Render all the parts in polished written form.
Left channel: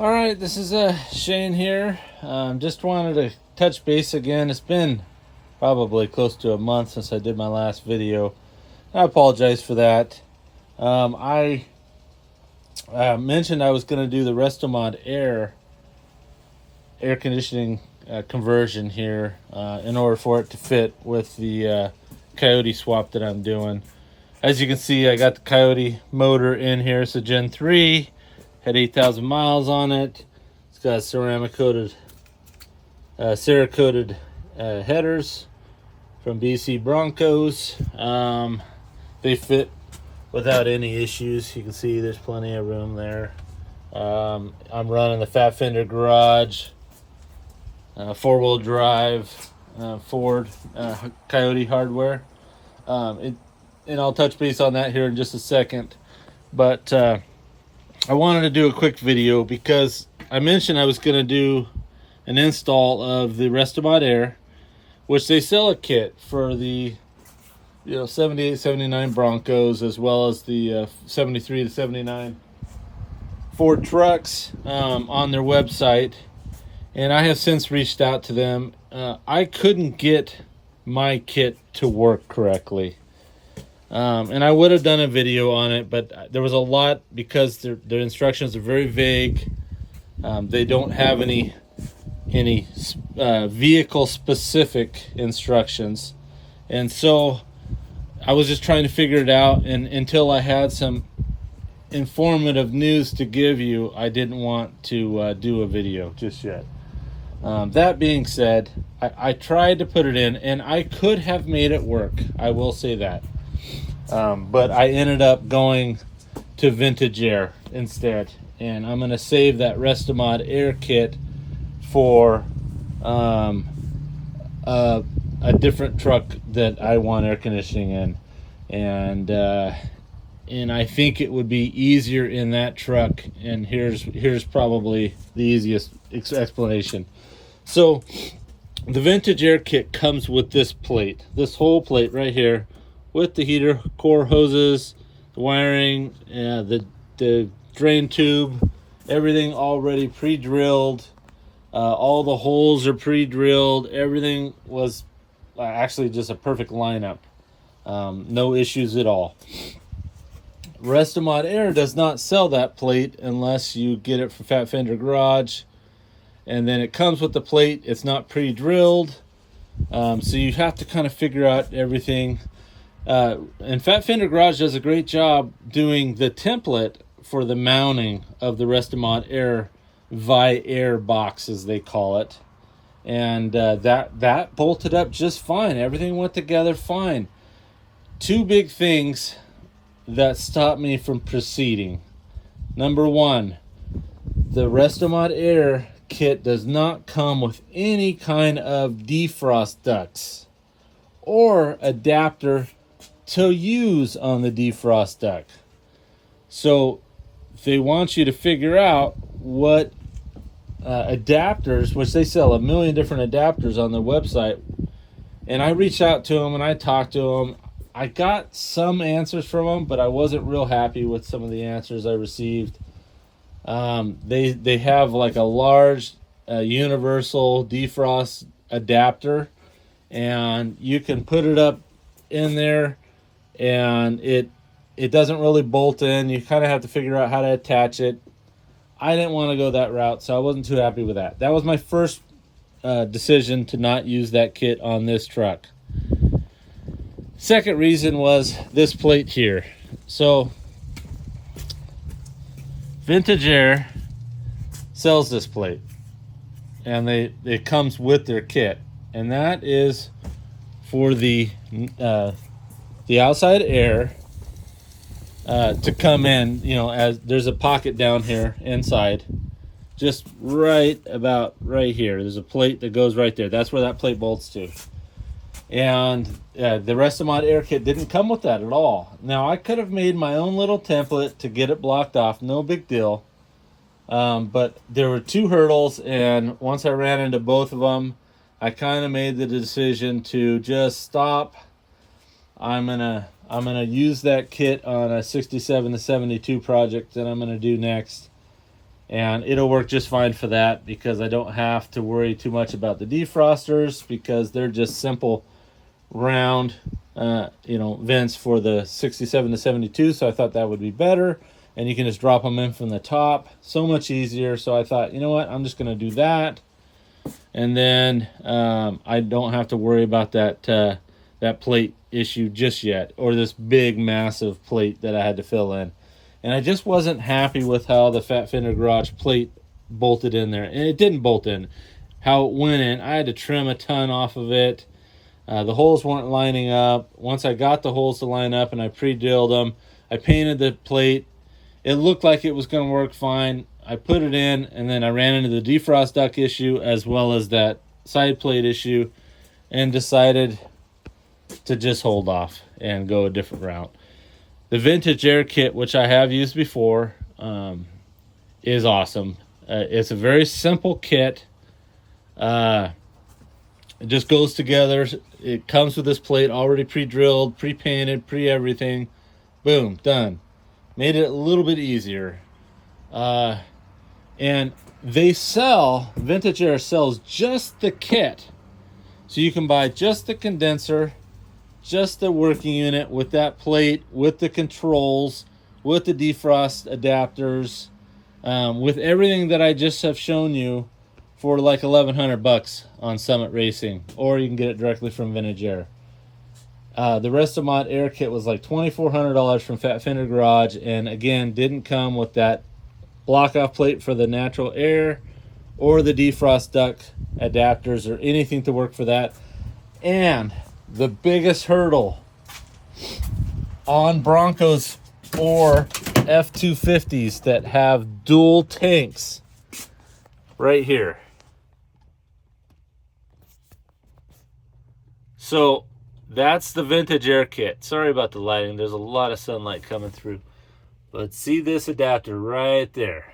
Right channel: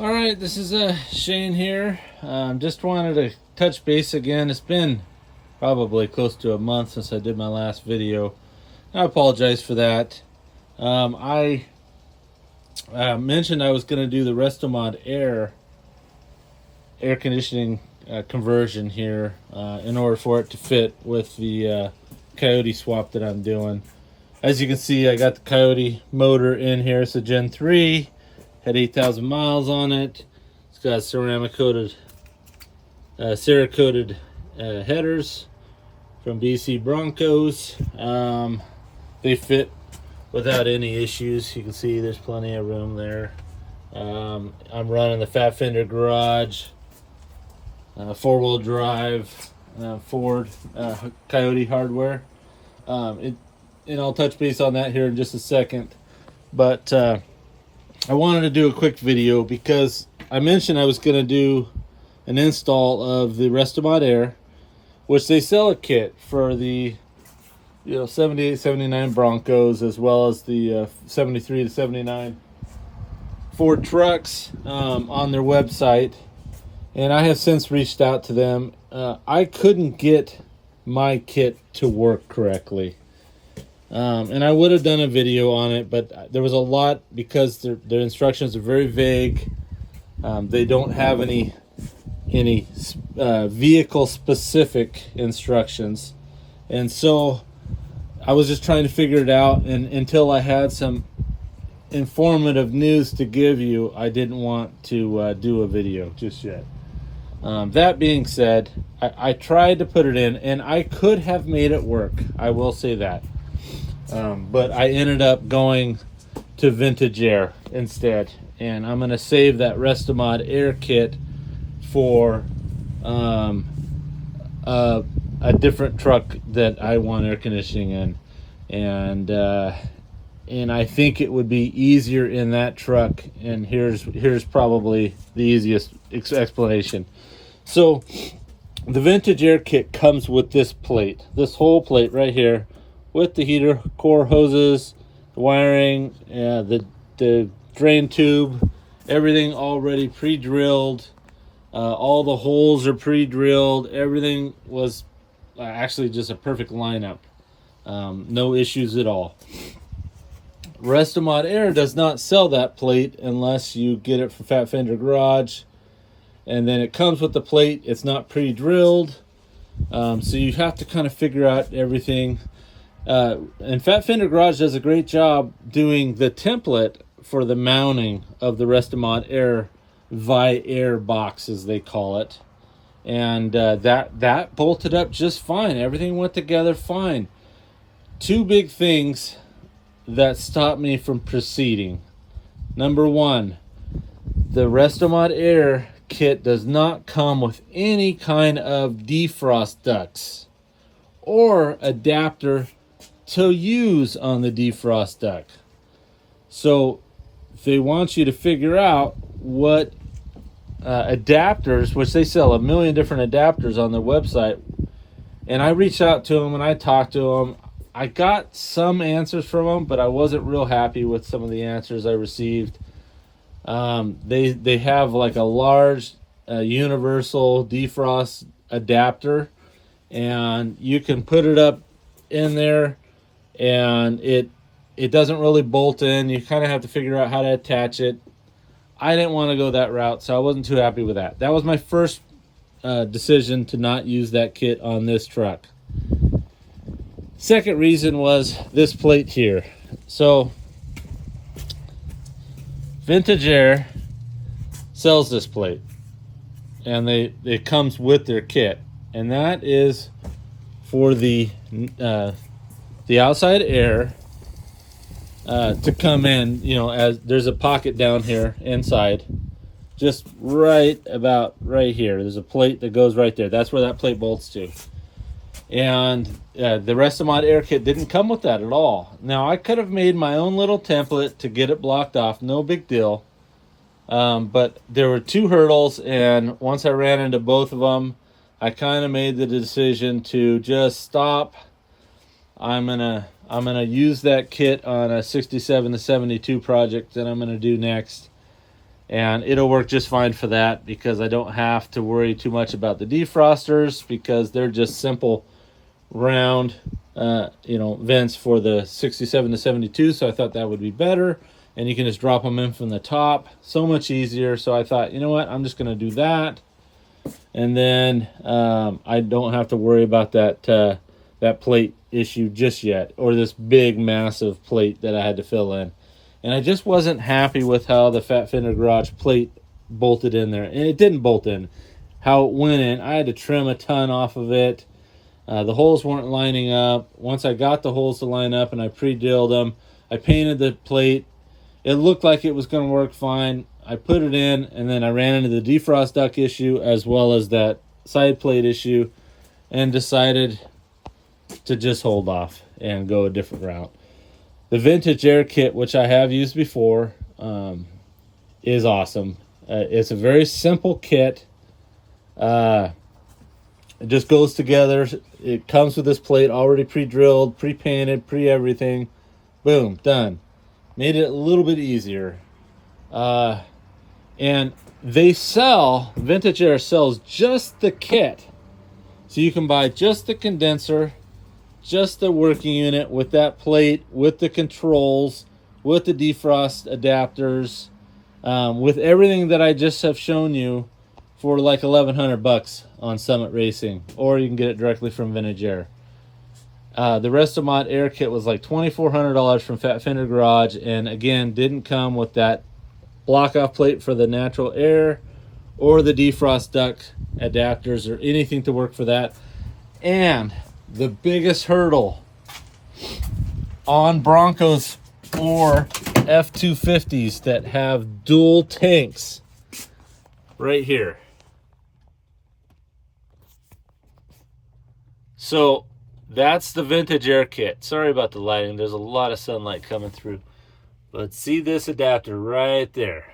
All right, this is Shane here. Just wanted to touch base again. It's been probably close to a month since I did my last video. I apologize for that. I mentioned I was going to do the Restomod air conditioning conversion here in order for it to fit with the Coyote swap that I'm doing. As you can see, I got the Coyote motor in here. It's a Gen 3. Had 8,000 miles on it. It's got ceramic-coated, Cerakoted headers from BC Broncos. They fit without any issues. You can see there's plenty of room there. I'm running the Fat Fender Garage, four-wheel drive, Ford Coyote hardware. And I'll touch base on that here in just a second. But I wanted to do a quick video because I mentioned I was going to do an install of the Restomod Air, which they sell a kit for the 78, 79 Broncos, as well as the 73 to 79 Ford trucks on their website. And I have since reached out to them. I couldn't get my kit to work correctly. And I would have done a video on it, but there was a lot because their instructions are very vague. They don't have any vehicle specific instructions, and so I was just trying to figure it out. And until I had some informative news to give you, I didn't want to do a video just yet. That being said, I tried to put it in, and I could have made it work. I will say that. But I ended up going to Vintage Air instead, and I'm going to save that Restomod Air kit for a different truck that I want air conditioning in, and I think it would be easier in that truck. And here's probably the easiest explanation. So the Vintage Air kit comes with this plate, this whole plate right here, with the heater core hoses, the wiring, the drain tube, everything already pre-drilled. All the holes are pre-drilled. Everything was actually just a perfect lineup. No issues at all. Restomod Air does not sell that plate unless you get it from Fat Fender Garage. And then it comes with the plate. It's not pre-drilled. So you have to kind of figure out everything. And Fat Fender Garage does a great job doing the template for the mounting of the Restomod Air Vi-Air box, as they call it. And that bolted up just fine. Everything went together fine. Two big things that stopped me from proceeding. Number one, the Restomod Air kit does not come with any kind of defrost ducts or adapter to use on the defrost duct. So they want you to figure out what adapters, which they sell a million different adapters on their website. And I reached out to them and I talked to them. I got some answers from them, but I wasn't real happy with some of the answers I received. They have like a large universal defrost adapter, and you can put it up in there, and it doesn't really bolt in. You kind of have to figure out how to attach it. I didn't want to go that route, so I wasn't too happy with that. That was my first decision to not use that kit on this truck. Second reason was this plate here. So Vintage Air sells this plate, and it comes with their kit, and that is for the outside air to come in. As there's a pocket down here inside, just right about right here. There's a plate that goes right there. That's where that plate bolts to. And the Restomod Air kit didn't come with that at all. Now, I could have made my own little template to get it blocked off. No big deal. But there were two hurdles, and once I ran into both of them, I kind of made the decision to just stop. I'm gonna use that kit on a 67 to 72 project that I'm gonna do next, and it'll work just fine for that, because I don't have to worry too much about the defrosters, because they're just simple round vents for the 67 to 72. So I thought that would be better, and you can just drop them in from the top, so much easier. So I thought, you know what, I'm just going to do that, and then I don't have to worry about that plate issue just yet, or this big massive plate that I had to fill in. And I just wasn't happy with how the Fat Fender Garage plate bolted in there. And it didn't bolt in. How it went in, I had to trim a ton off of it. The holes weren't lining up. Once I got the holes to line up and I pre-drilled them, I painted the plate. It looked like it was going to work fine. I put it in, and then I ran into the defrost duct issue as well as that side plate issue, and decided to just hold off and go a different route. The Vintage Air kit, which I have used before, is awesome. It's a very simple kit. It just goes together. It comes with this plate already pre-drilled, pre-painted, pre-everything. Boom, done. Made it a little bit easier. And Vintage Air sells just the kit. So you can buy just the condenser, just the working unit with that plate, with the controls, with the defrost adapters, with everything that I just have shown you, for like $1,100 on Summit Racing, or you can get it directly from Vintage Air. The Restomod Air kit was like $2,400 from Fat Fender Garage, and again, didn't come with that block-off plate for the natural air, or the defrost duct adapters, or anything to work for that. And the biggest hurdle on Broncos or F-250s that have dual tanks, right here. So that's the Vintage Air kit. Sorry about the lighting. There's a lot of sunlight coming through. But see this adapter right there?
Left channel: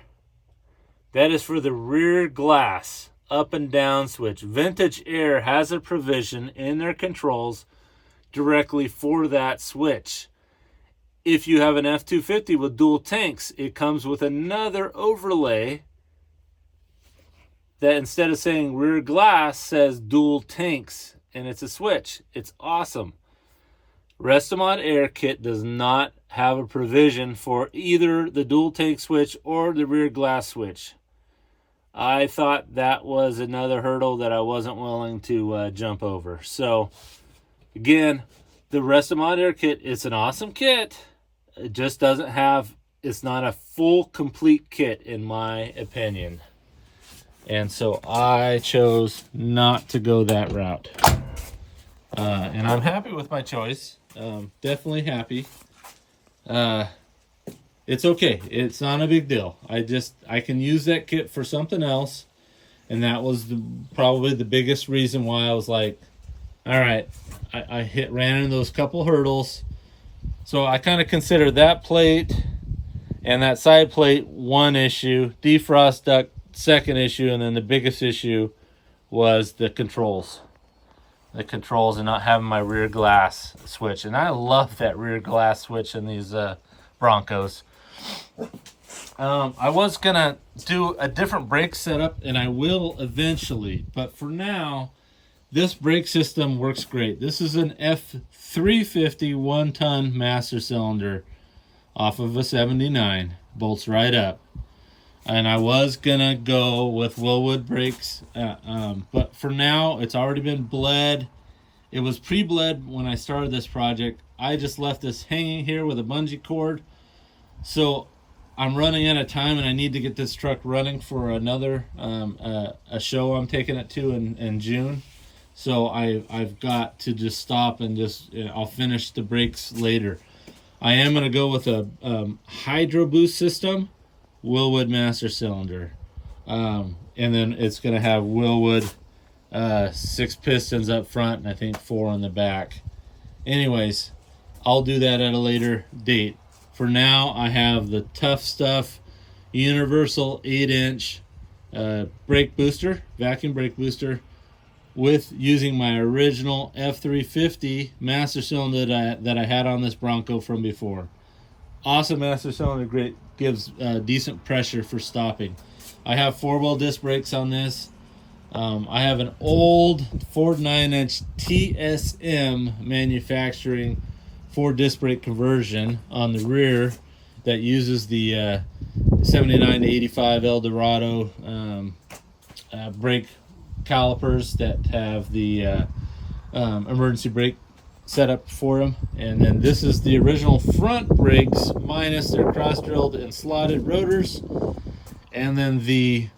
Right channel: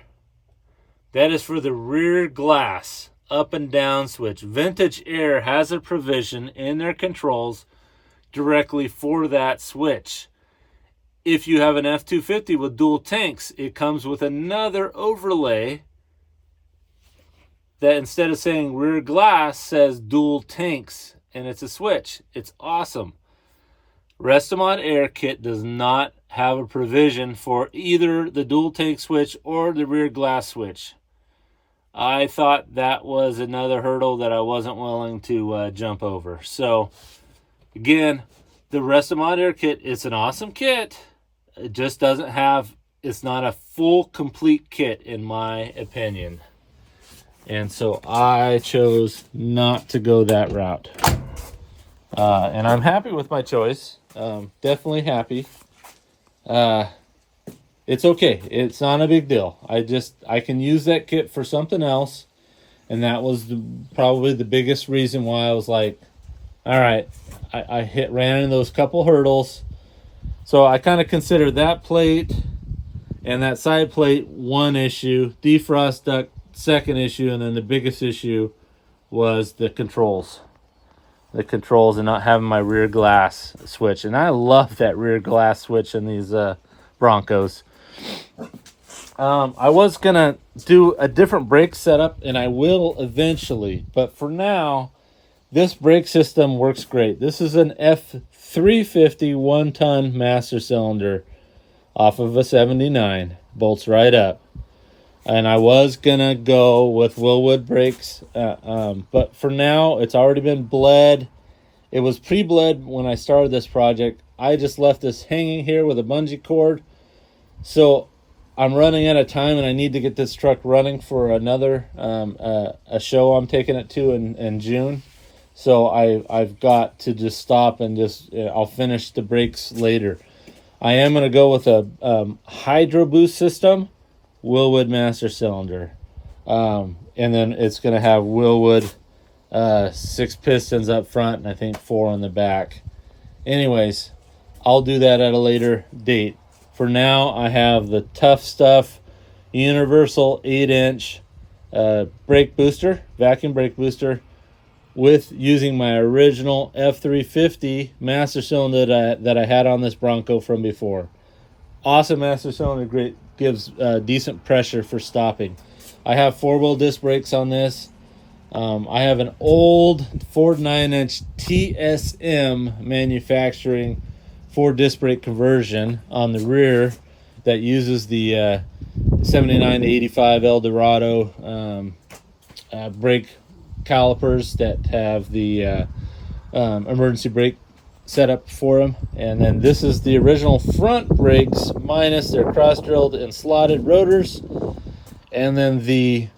That is for the rear glass up and down switch. Vintage Air has a provision in their controls directly for that switch. If you have an F-250 with dual tanks, it comes with another overlay that, instead of saying rear glass, says dual tanks, and it's a switch. It's awesome. Restomod Air kit does not have a provision for either the dual tank switch or the rear glass switch. I thought that was another hurdle that I wasn't willing to jump over. So again, the Restomod Air kit is an awesome kit. It just doesn't have, it's not a full complete kit in my opinion. And so I chose not to go that route. And I'm happy with my choice. Definitely happy. It's okay. It's not a big deal. I can use that kit for something else. And that was probably the biggest reason why I was like, all right, I ran into those couple hurdles. So I kind of consider that plate and that side plate one issue, defrost duct second issue, and then the biggest issue was the controls. The controls and not having my rear glass switch. And I love that rear glass switch in these Broncos. I was going to do a different brake setup, and I will eventually. But for now, this brake system works great. This is an F350 one-ton master cylinder off of a 79. Bolts right up. And I was going to go with Willwood brakes. But for now, it's already been bled. It was pre-bled when I started this project. I just left this hanging here with a bungee cord. So I'm running out of time, and I need to get this truck running for another a show I'm taking it to in June. So I've got to just stop and I'll finish the brakes later. I am going to go with a Hydro Boost system, Willwood master cylinder. And then it's going to have Willwood 6 pistons up front, and I think 4 on the back. Anyways, I'll do that at a later date. For now, I have the Tough Stuff Universal 8-inch brake booster, vacuum brake booster, with using my original F350 master cylinder that I had on this Bronco from before. awesome master cylinder, great, gives decent pressure for stopping. I have 4-wheel disc brakes on this. I have an old Ford 9-inch TSM manufacturing 4-disc brake conversion on the rear that uses the 79 to 85 Eldorado brake calipers that have the emergency brake set up for them. And then this is the original front brakes minus their cross-drilled and slotted rotors. And then the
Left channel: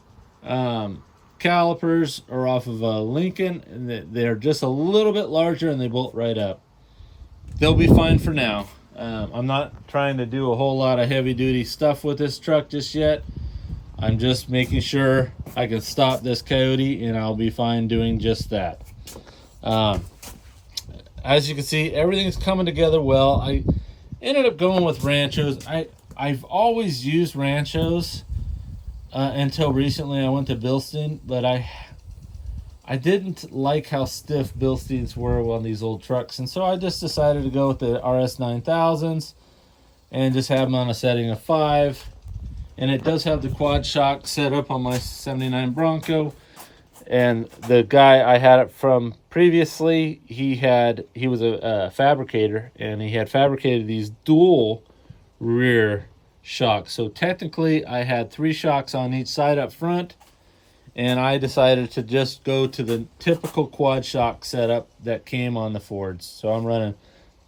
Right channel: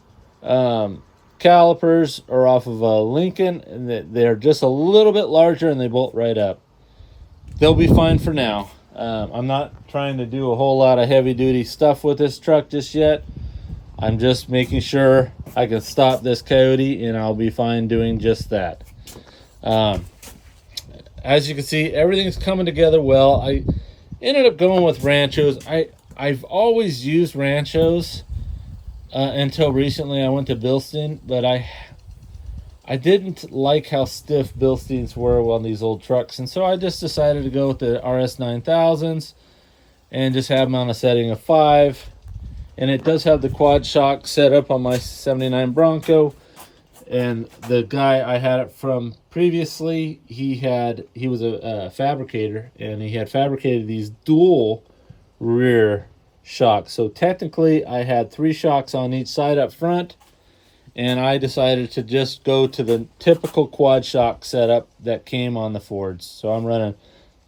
calipers are off of a Lincoln, and they're just a little bit larger and they bolt right up. They'll be fine for now. I'm not trying to do a whole lot of heavy duty stuff with this truck just yet. I'm just making sure I can stop this Coyote, and I'll be fine doing just that. As you can see, everything's coming together well. I ended up going with Ranchos. I've always used Ranchos until recently. I went to Bilstein, but I didn't like how stiff Bilsteins were on these old trucks, and so I just decided to go with the RS 9000s and just have them on a setting of 5. And it does have the quad shock set up on my 79 Bronco. And the guy I had it from previously, he was a fabricator, and he had fabricated these dual rear shocks. So technically I had 3 shocks on each side up front, and I decided to just go to the typical quad shock setup that came on the Fords. So I'm running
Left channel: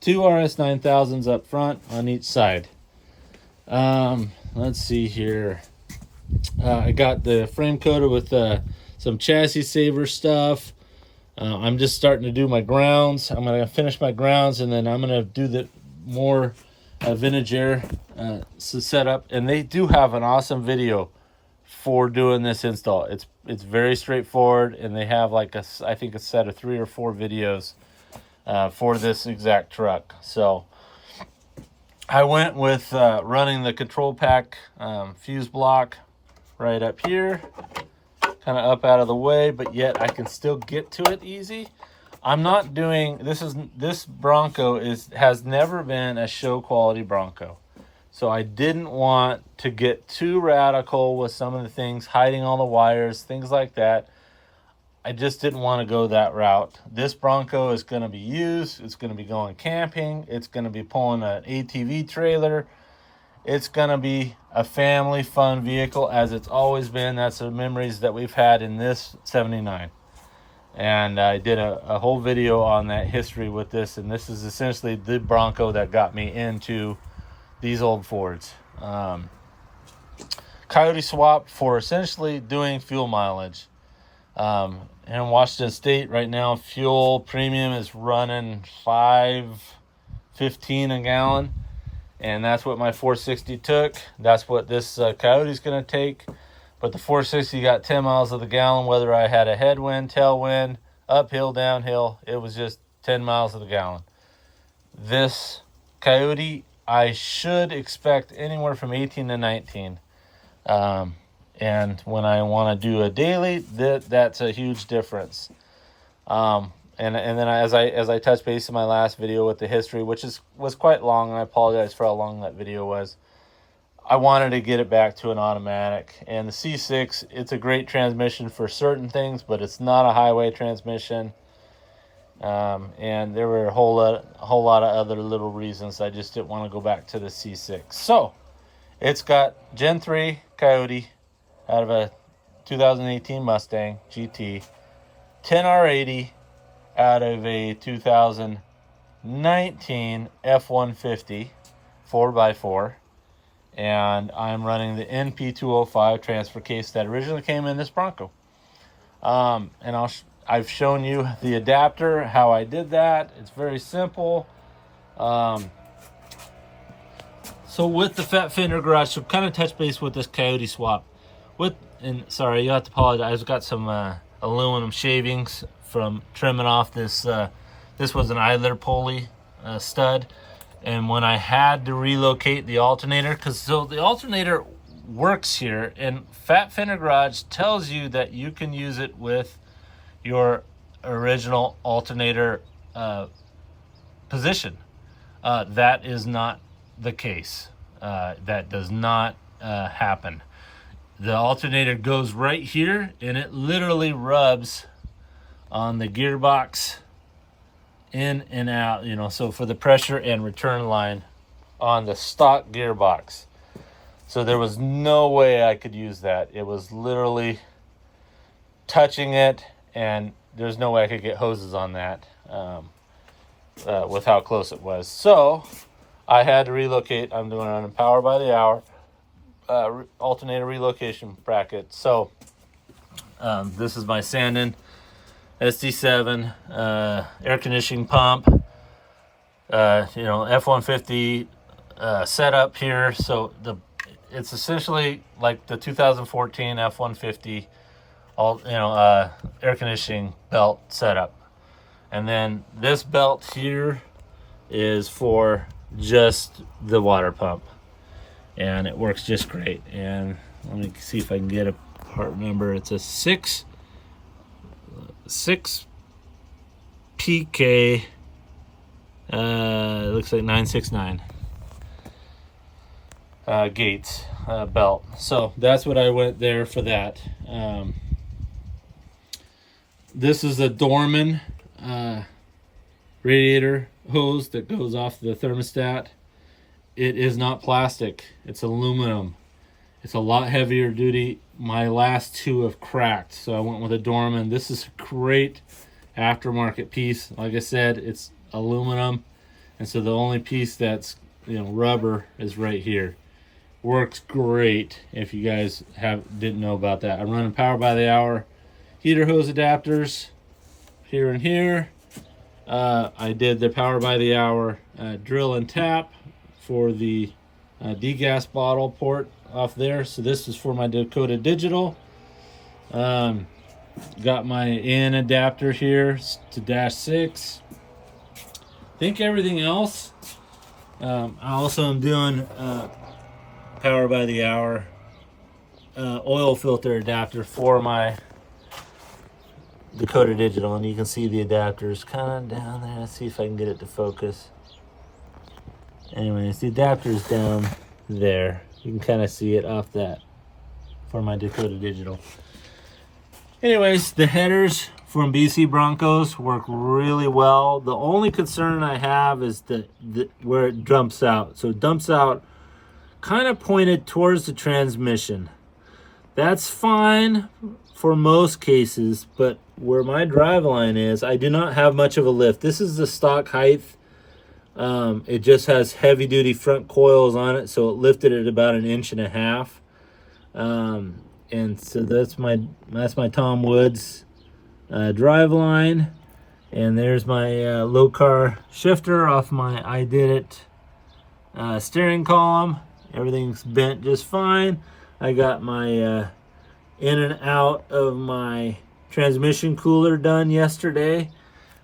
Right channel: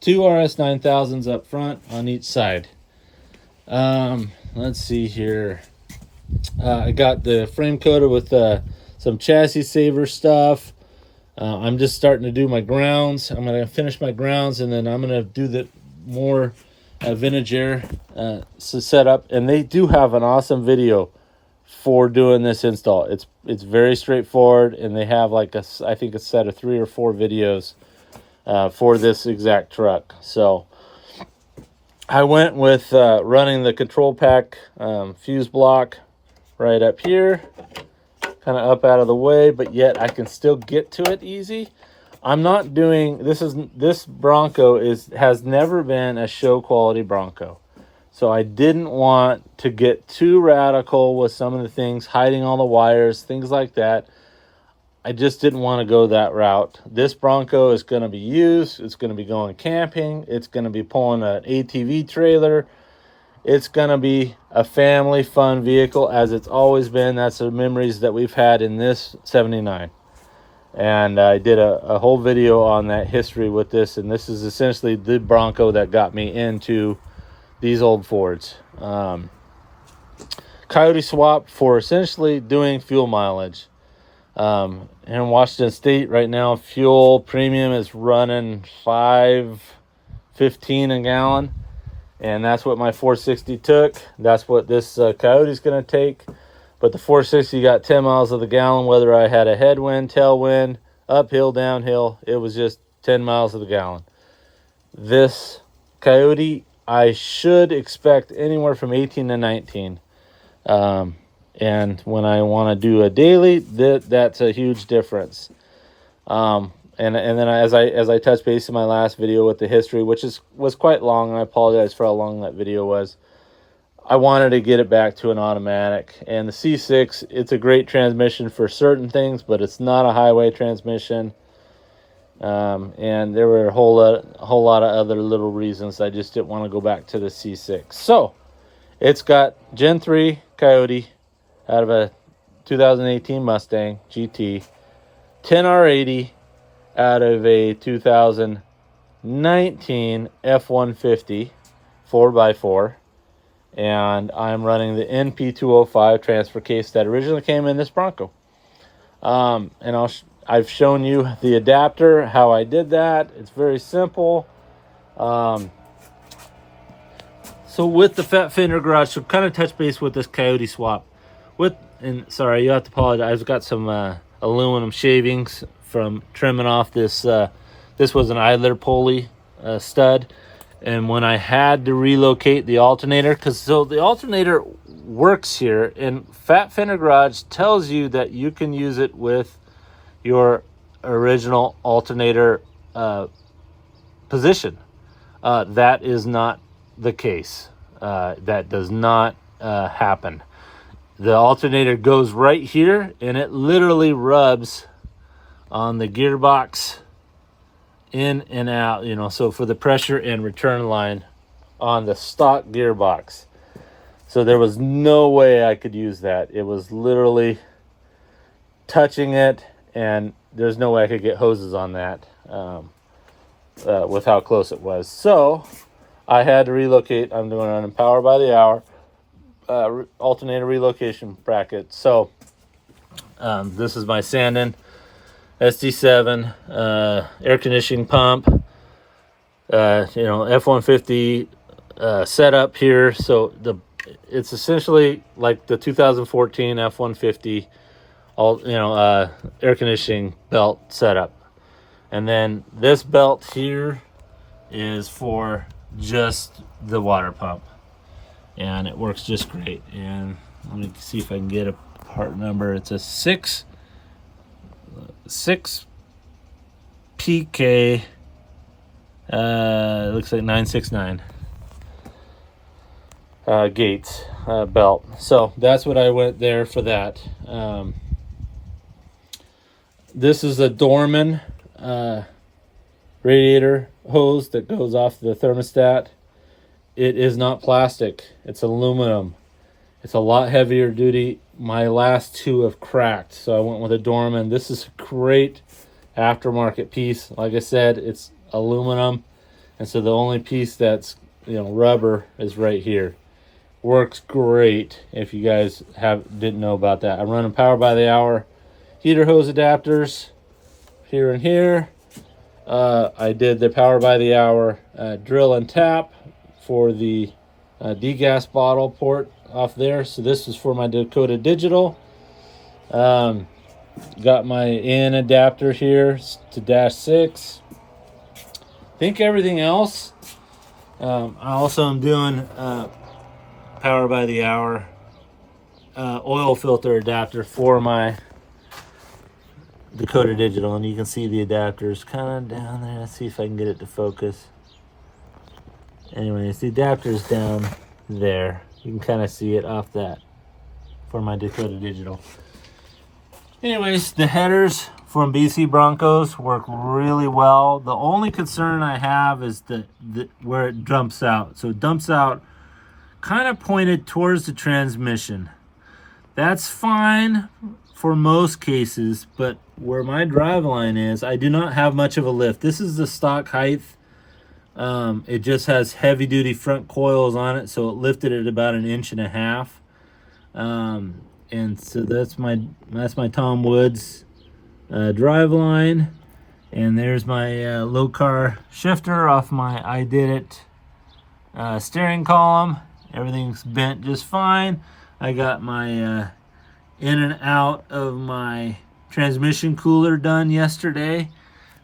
2 RS 9000s up front on each side. Let's see here. I got the frame coated with some chassis saver stuff. I'm just starting to do my grounds. I'm going to finish my grounds, and then I'm going to do the more vintage air setup. And they do have an awesome video for doing this install. It's very straightforward, and they have like I think a set of 3 or 4 videos for this exact truck. So I went with running the control pack fuse block right up here, kind of up out of the way, but yet I can still get to it easy. I'm not doing this Bronco has never been a show quality Bronco, so I didn't want to get too radical with some of the things, hiding all the wires, things like that. I just didn't want to go that route. This Bronco is going to be used. It's going to be going camping. It's going to be pulling an ATV trailer. It's going to be a family fun vehicle, as it's always been. That's the memories that we've had in this 79. And I did a whole video on that history with this, and this is essentially the Bronco that got me into these old Fords. Coyote swap for essentially doing fuel mileage. In Washington State right now, fuel premium is running $5.15 a gallon, and that's what my 460 took. That's what this Coyote is going to take. But the 460 got 10 miles of the gallon, whether I had a headwind, tailwind, uphill, downhill. It was just 10 miles of the gallon. This Coyote, I should expect anywhere from 18 to 19. And when I want to do a daily, that's a huge difference. And then as I touched base in my last video with the history, which was quite long, I apologize for how long that video was. I wanted to get it back to an automatic, and the C6, it's a great transmission for certain things, but it's not a highway transmission. And there were a whole lot of other little reasons I just didn't want to go back to the C6. So it's got Gen 3 Coyote out of a 2018 Mustang GT, 10R80 out of a 2019 F-150 4x4, and I'm running the NP205 transfer case that originally came in this Bronco. And I've shown you the adapter, how I did that. It's very simple. So with the Fat Fender Garage, so kind of touch base with this Coyote swap. Sorry, you have to apologize. I've got some aluminum shavings from trimming off this. This was an idler pulley stud, and when I had to relocate the alternator, so the alternator works here, and Fat Fender Garage tells you that you can use it with your original alternator position. That is not the case. That does not happen. The alternator goes right here, and it literally rubs on the gearbox in and out, you know, so for the pressure and return line on the stock gearbox. So there was no way I could use that. It was literally touching it, and there's no way I could get hoses on that with how close it was. So I had to relocate. I'm doing it on Power by the Hour alternator relocation bracket. So this is my Sandin SD7 air conditioning pump. You know, F-150 setup here. So it's essentially like the 2014 F-150 air conditioning belt setup. And then this belt here is for just the water pump, and it works just great. And let me see if I can get a part number. It's a 6 PK, it looks like 969 Gates belt. So that's what I went there for that. This is a Dorman radiator hose that goes off the thermostat. It is not plastic, it's aluminum. It's a lot heavier duty. My last two have cracked, so I went with a Dorman. This is a great aftermarket piece. Like I said, it's aluminum, and so the only piece that's, you know, rubber is right here. Works great. If you guys didn't know about that, I'm running Power by the Hour heater hose adapters here and here. I did the Power by the Hour drill and tap for the degas bottle port off there. So this is for my Dakota Digital. Got my in adapter here to dash 6. Think everything else. I also am doing Power by the Hour oil filter adapter for my Dakota Digital, and you can see the adapters kind of down there. Let's see if I can get it to focus. Anyways, the adapter's down there. You can kind of see it off that for my Dakota Digital. Anyways, the headers from BC Broncos work really well. The only concern I have is where it dumps out. So it dumps out kind of pointed towards the transmission. That's fine for most cases, but where my drive line is, I do not have much of a lift. This is the stock height. It just has heavy duty front coils on it, so it lifted at about 1.5 inches. And so that's my Tom Woods drive line, and there's my low car shifter off my I Did It steering column. Everything's bent just fine. I got my in and out of my transmission cooler done yesterday.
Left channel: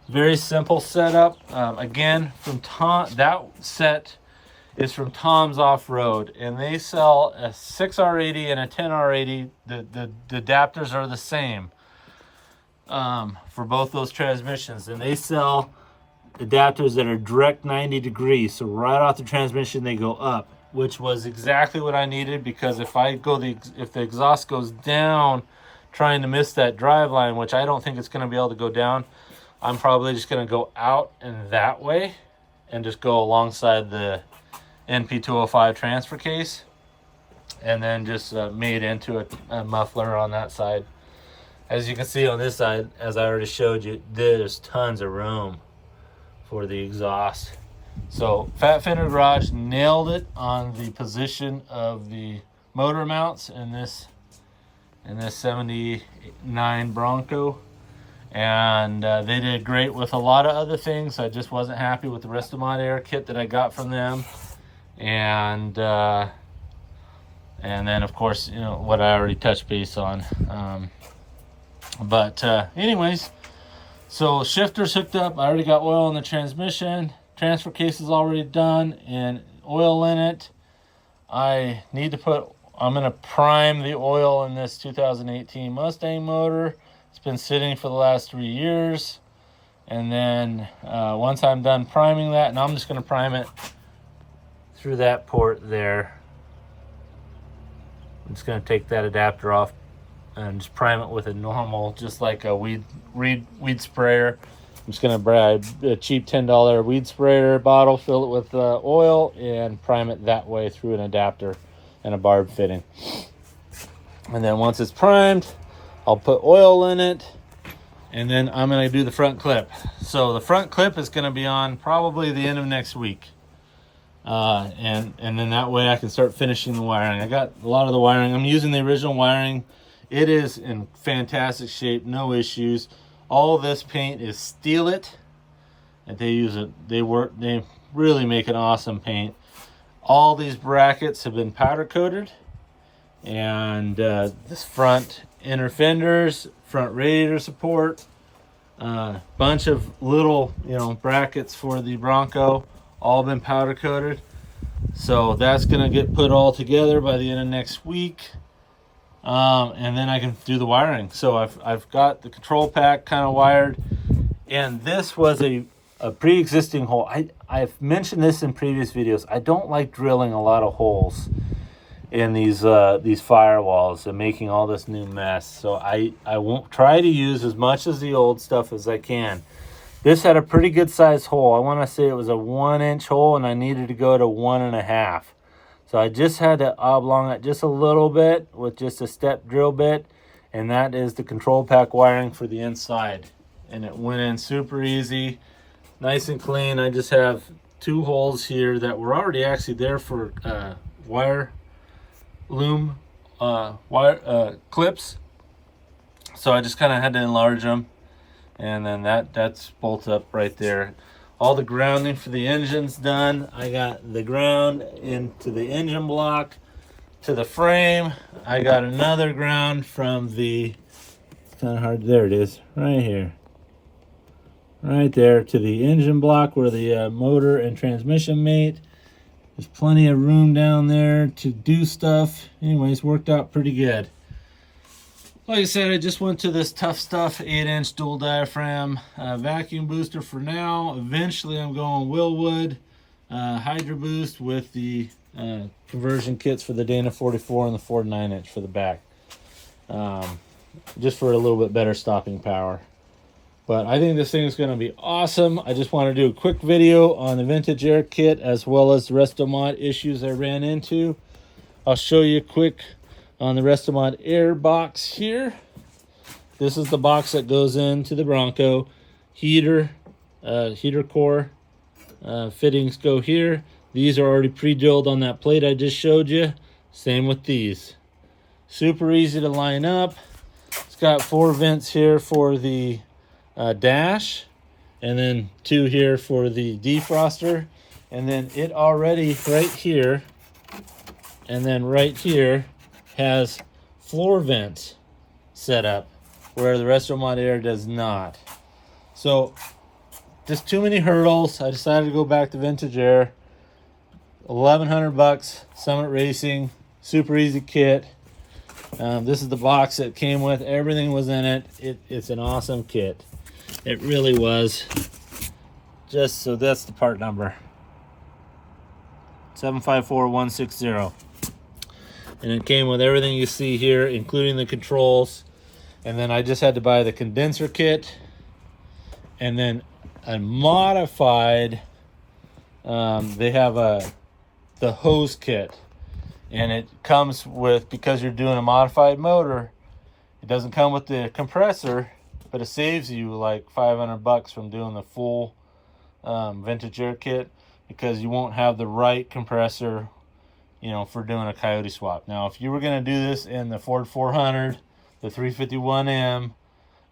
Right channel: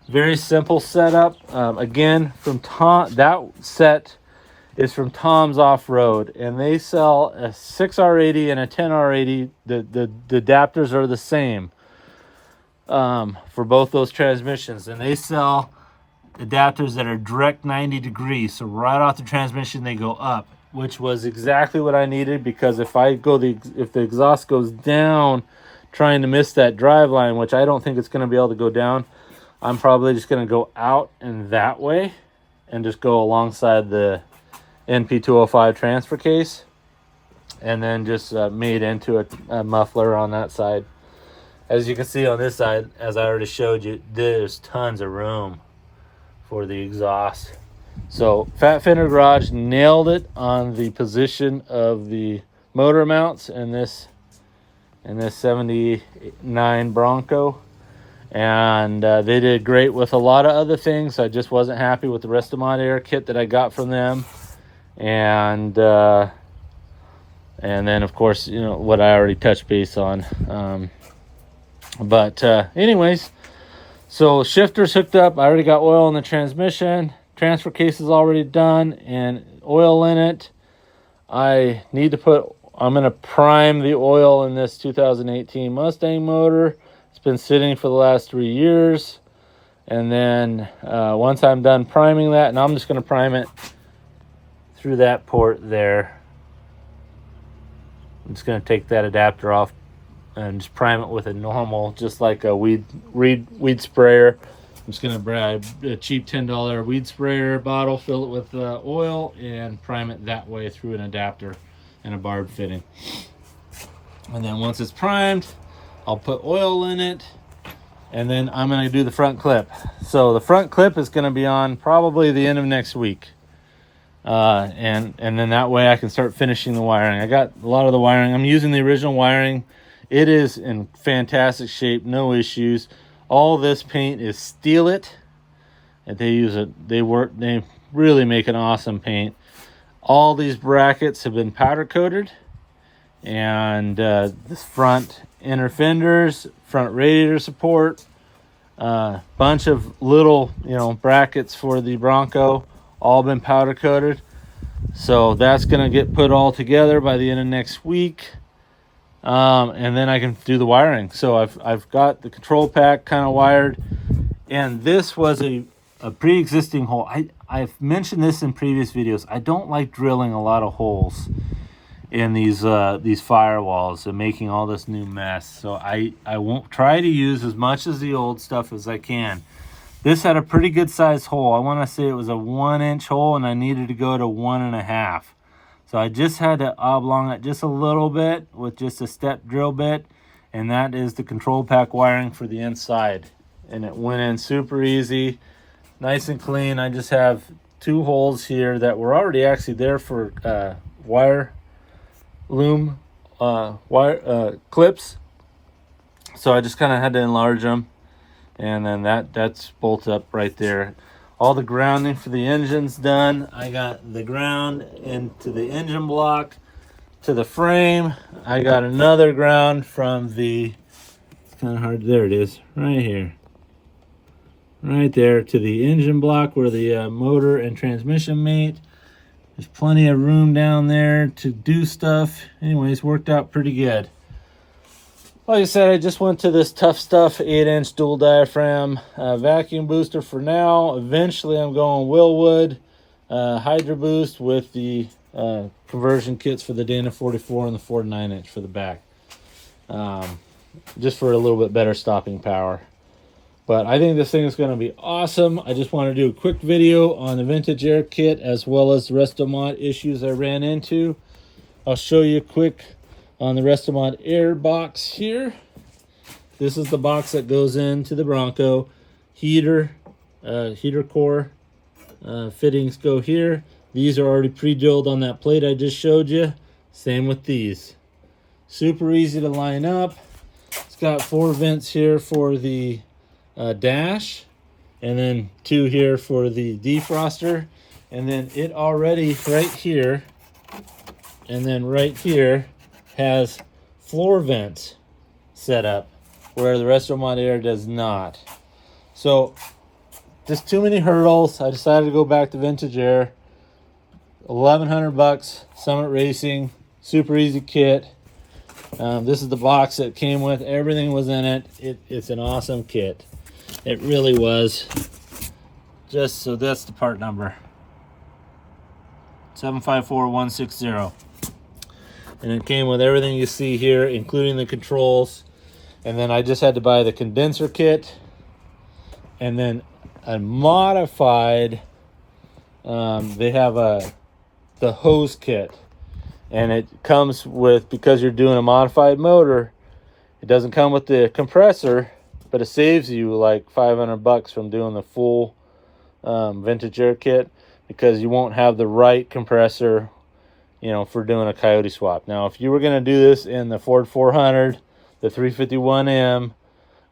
Very simple setup. Again, from Tom. That set is from Tom's Off-Road, and they sell a 6R80 and a 10R80. The adapters are the same for both those transmissions, and they sell adapters that are direct 90 degrees. So right off the transmission, they go up, which was exactly what I needed, because if the exhaust goes down, trying to miss that drive line, which I don't think it's going to be able to go down, I'm probably just going to go out in that way and just go alongside the NP205 transfer case, and then just made into a muffler on that side. As you can see on this side, as I already showed you, there's tons of room for the exhaust. So Fat Fender Garage nailed it on the position of the motor mounts in this 79 Bronco, and they did great with a lot of other things. I just wasn't happy with the Restomod Air kit that I got from them, and then of course, you know, what I already touched base on. Anyways, so shifter's hooked up. I already got oil in the transmission. Transfer case is already done and oil in it. I'm gonna prime the oil in this 2018 Mustang motor. It's been sitting for the last 3 years. And then once I'm done priming that, and I'm just gonna prime it through that port there. I'm just going to take that adapter off and just prime it with a normal, just like a weed sprayer. I'm just going to buy a cheap $10 weed sprayer bottle, fill it with oil, and prime it that way through an adapter and a barb fitting. And then once it's primed, I'll put oil in it, and then I'm going to do the front clip. So the front clip is going to be on probably the end of next week. And then that way I can start finishing the wiring. I got a lot of the wiring. I'm using the original wiring. It is in fantastic shape, no issues. All this paint is Steal It. And they use it. They really make an awesome paint. All these brackets have been powder coated. And this front inner fenders, front radiator support, bunch of little, brackets for the Bronco, all been powder coated. So that's going to get put all together by the end of next week. And then I can do the wiring. So I've got the control pack kind of wired. And this was a pre-existing hole. I've mentioned this in previous videos. I don't like drilling a lot of holes in these firewalls and making all this new mess. So I won't try to use as much as the old stuff as I can. This had a pretty good sized hole. I want to say it was a 1-inch hole, and I needed to go to 1.5. So I just had to oblong it just a little bit with just a step drill bit, and that is the control pack wiring for the inside. And it went in super easy, nice and clean. I just have 2 holes here that were already actually there for wire loom clips. So I just kind of had to enlarge them. And then that's bolted up right there. All the grounding for the engine's done. I got the ground into the engine block to the frame. I got another ground from the, kind of hard, there it is, right here. Right there to the engine block where the motor and transmission meet. There's plenty of room down there to do stuff. Anyways, worked out pretty good. Like I said, I just went to this Tough Stuff 8-inch dual diaphragm vacuum booster for now. Eventually I'm going Willwood Hydro Boost with the conversion kits for the Dana 44 and the 49-inch for the back. Just for a little bit better stopping power. But I think this thing is going to be awesome. I just want to do a quick video on the Vintage Air kit as well as the Restomod issues I ran into. I'll show you quick on the Restomod Air box here. This is the box that goes into the Bronco. Heater core fittings go here. These are already pre-drilled on that plate I just showed you. Same with these. Super easy to line up. It's got 4 vents here for the dash, and then 2 here for the defroster, and then it already right here and then right here has floor vents set up where the Restomod Air does not. So just too many hurdles. I decided to go back to Vintage Air. $1,100 Summit Racing, super easy kit. This is the box that came with, everything was in it. It's an awesome kit. It really was. Just so that's the part number 754160. And it came with everything you see here, including the controls. And then I just had to buy the condenser kit, and then a modified, they have the hose kit, and it comes with, because you're doing a modified motor, it doesn't come with the compressor, but it saves you like $500 from doing the full Vintage Air kit, because you won't have the right compressor, for doing a Coyote swap. Now, if you were going to do this in the Ford 400, the 351M,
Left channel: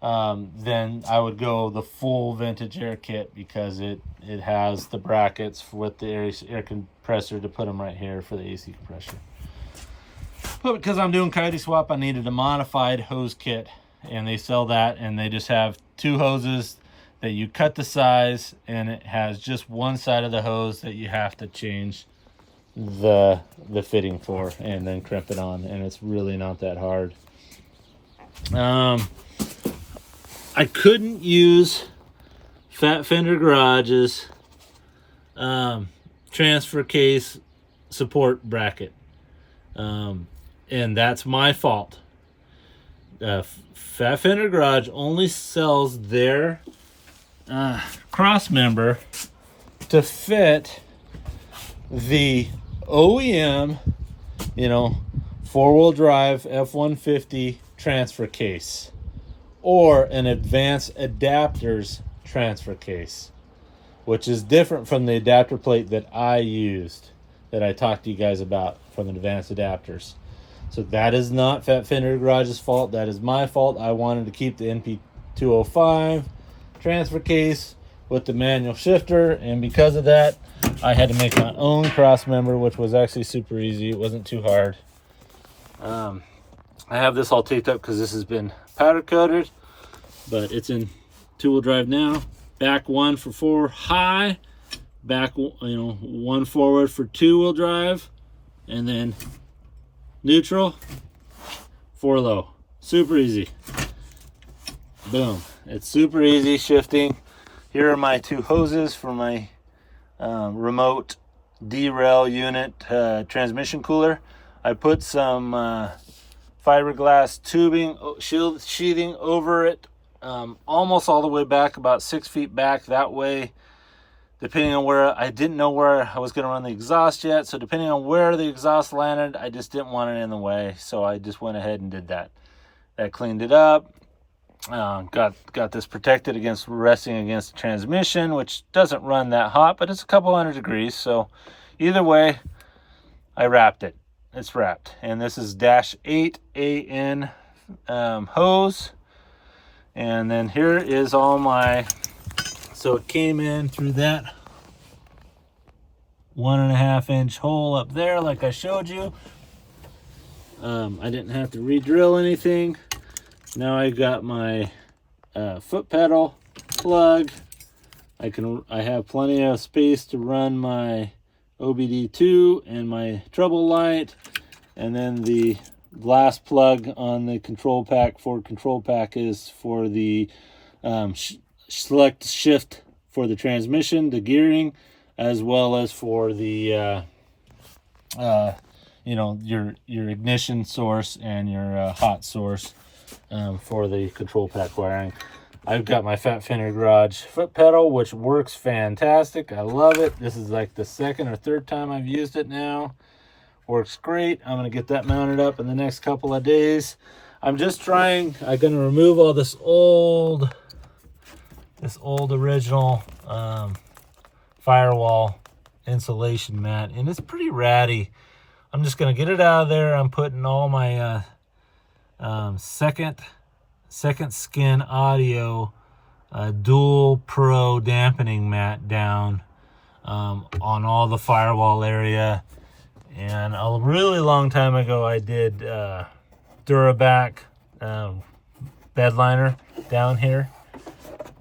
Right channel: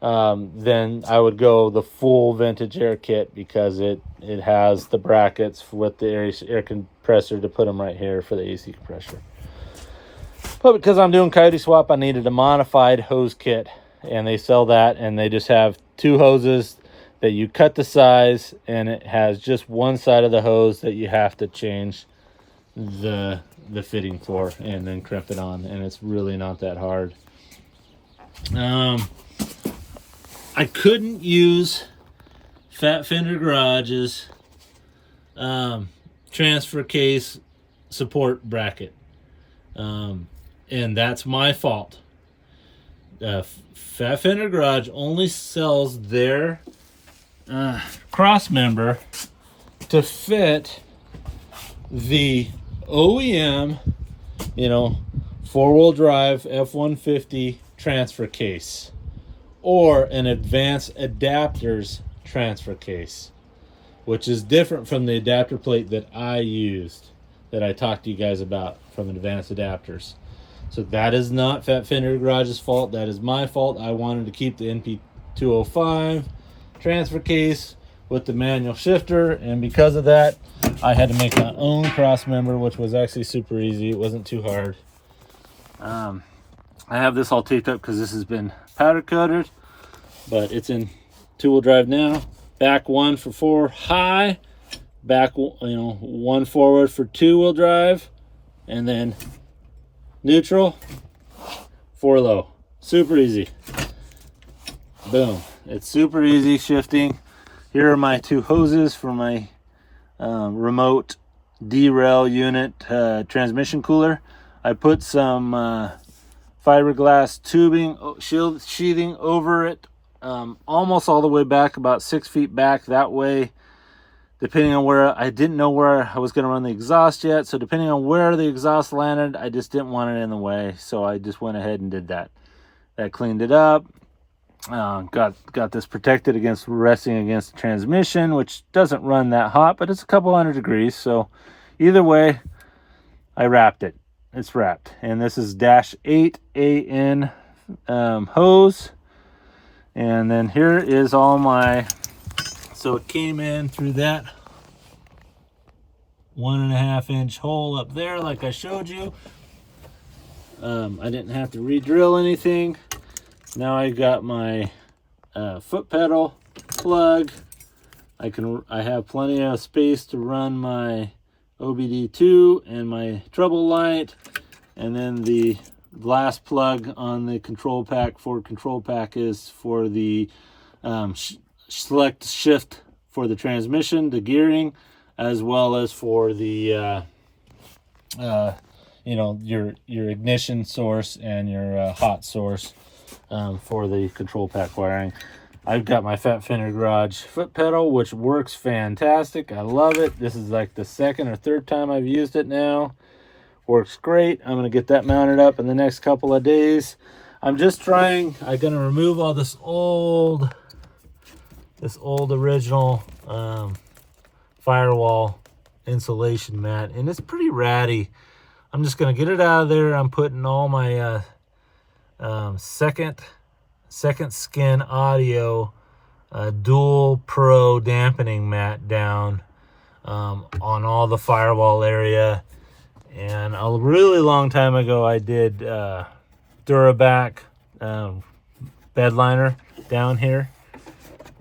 then I would go the full Vintage Air kit, because it has the brackets with the air compressor to put them right here for the AC compressor. But because I'm doing Coyote swap, I needed a modified hose kit, and they sell that, and they just have 2 hoses that you cut the size, and it has just one side of the hose that you have to change the fitting for, and then crimp it on, and it's really not that hard. I couldn't use Fat Fender Garage's transfer case support bracket. And that's my fault. Fat Fender Garage only sells their cross member to fit the OEM, you know, four-wheel drive F-150 transfer case, or an advanced adapters transfer case, which is different from the adapter plate that I used, that I talked to you guys about from advanced adapters. So that is not Fat Fender Garage's fault. That is my fault. I wanted to keep the NP205 transfer case with the manual shifter, and because of that, I had to make my own cross member, which was actually super easy. It wasn't too hard. I have this all taped up because this has been powder coated, but it's in two-wheel drive now. Back one for 4 high, back, you know, 1 forward for 2-wheel drive, and then neutral, 4 low. Super easy. Boom. It's super easy shifting. Here are my 2 hoses for my remote derail unit transmission cooler. I put some fiberglass tubing sheathing over it, almost all the way back, about 6 feet back. That way, depending on where, I didn't know where I was going to run the exhaust yet, so depending on where the exhaust landed, I just didn't want it in the way, so I just went ahead and did that. That cleaned it up. Got this protected against resting against the transmission, which doesn't run that hot, but it's a couple hundred degrees, so either way, I wrapped it. It's wrapped. And this is -8 AN hose. And then here is all my, so it came in through that 1.5 inch hole up there like I showed you. I didn't have to re-drill anything. Now I got my foot pedal plug. I have plenty of space to run my OBD2 and my treble light, and then the last plug on the control pack, Ford control pack, is for the select shift for the transmission, the gearing, as well as for the you know, your ignition source and your hot source for the control pack wiring. I've got my Fat Fender Garage foot pedal, which works fantastic. I love it. This is like the 2nd or 3rd time I've used it now. Works great. I'm going to get that mounted up in the next couple of days. I'm going to remove all this old original firewall insulation mat, and it's pretty ratty. I'm just going to get it out of there. I'm putting all my second skin audio dual pro dampening mat down on all the firewall area. And a really long time ago I did Duraback bed liner down here,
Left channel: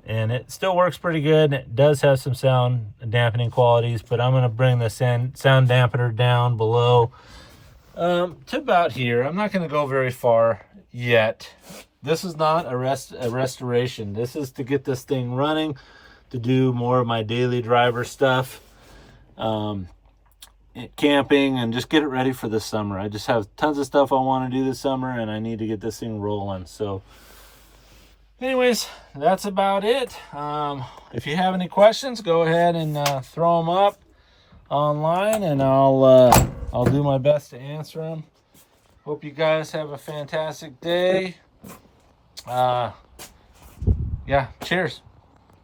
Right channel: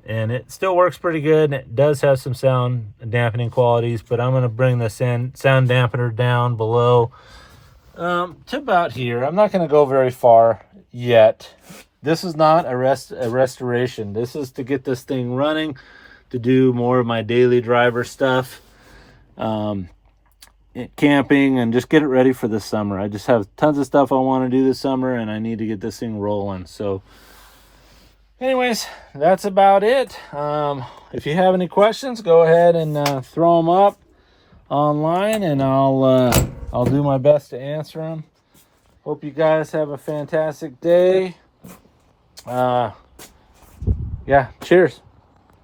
and it still works pretty good. It does have some sound dampening qualities, but I'm going to bring the sound dampener down below to about here. I'm not going to go very far yet. This is not a restoration. This is to get this thing running, to do more of my daily driver stuff, camping, and just get it ready for this summer. I just have tons of stuff I want to do this summer, and I need to get this thing rolling. So anyways, that's about it. If you have any questions, go ahead and throw them up online, and I'll do my best to answer them. Hope you guys have a fantastic day. Yeah, cheers.